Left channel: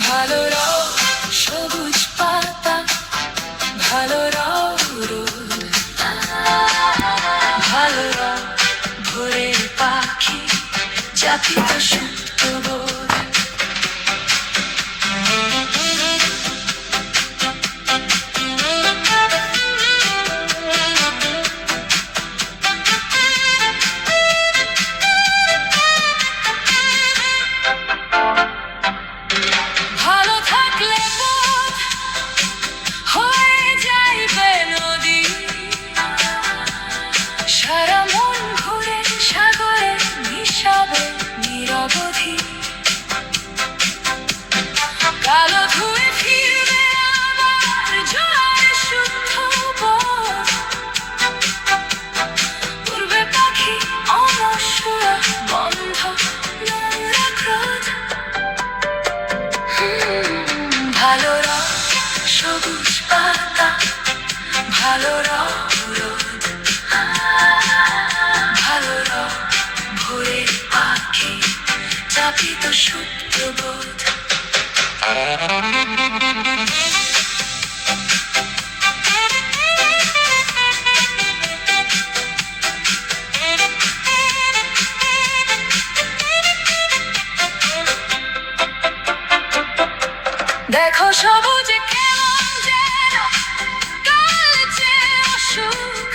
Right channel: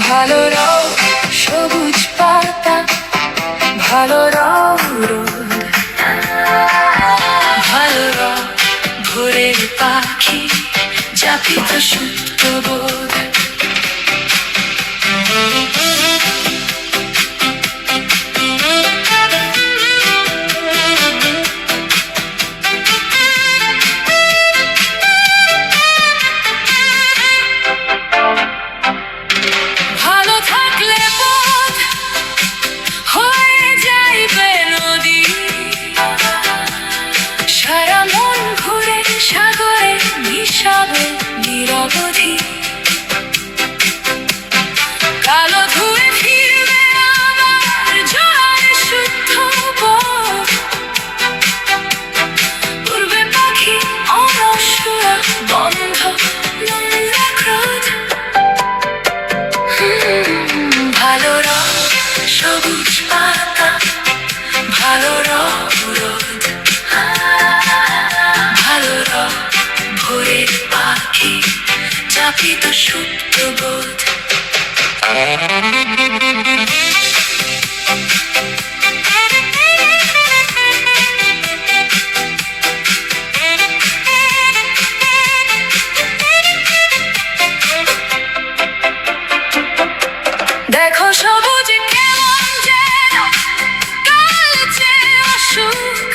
ভালো রং সবুজ পাতা, ভালো রং রোদ, ভালো রং ভোরের পাখি, যাপিত সুপ্ত বোধ। ভালো থাকলে বোধ হয়ে যাইবে নদী, সারা মন ঘুরে সাগরে মিশাবে নিরবধি। কালো ধুয়ে ফিরবে আবার জোয়ার শুদ্ধ বোধ, উড়বে পাখি অনশ্বরা বন্ধ নোংরা ক্রোধ। ভালো রং সবুজ পাতা, ভালো রং রোদ, ভালো রং ভোরের পাখি, যাপিত সুপ্ত বোধ। দেখো সবুজ কেমন যেন কালচে অসুখ,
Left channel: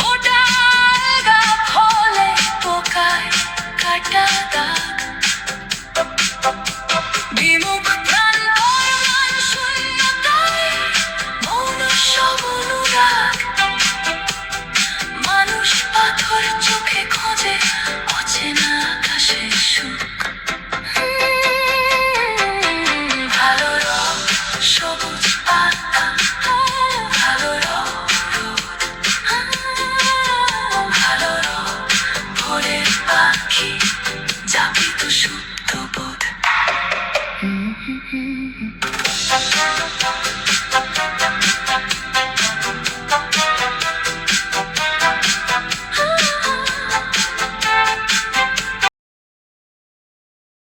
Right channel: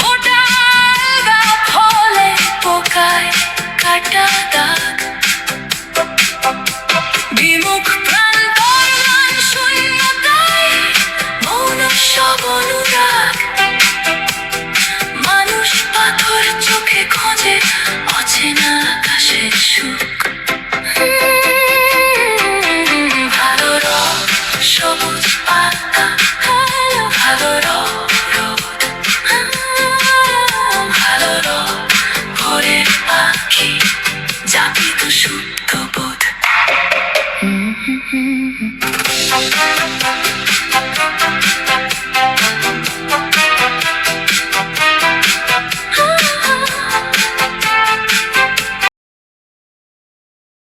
বোটাল গা ফলে পোকায় কাটা দাগ, বিমুখ প্রাণ বর্ণান শূন্যতায় মৌন সব অনুরাগ। মানুষ পাথর চোখে খোঁজে অচেনা আকাশের সুখ। ভালো রং সবুজ পাতা, ভালো রং রোদ, ভালো রং ভোরের পাখি, যাপিত সুপ্ত বোধ।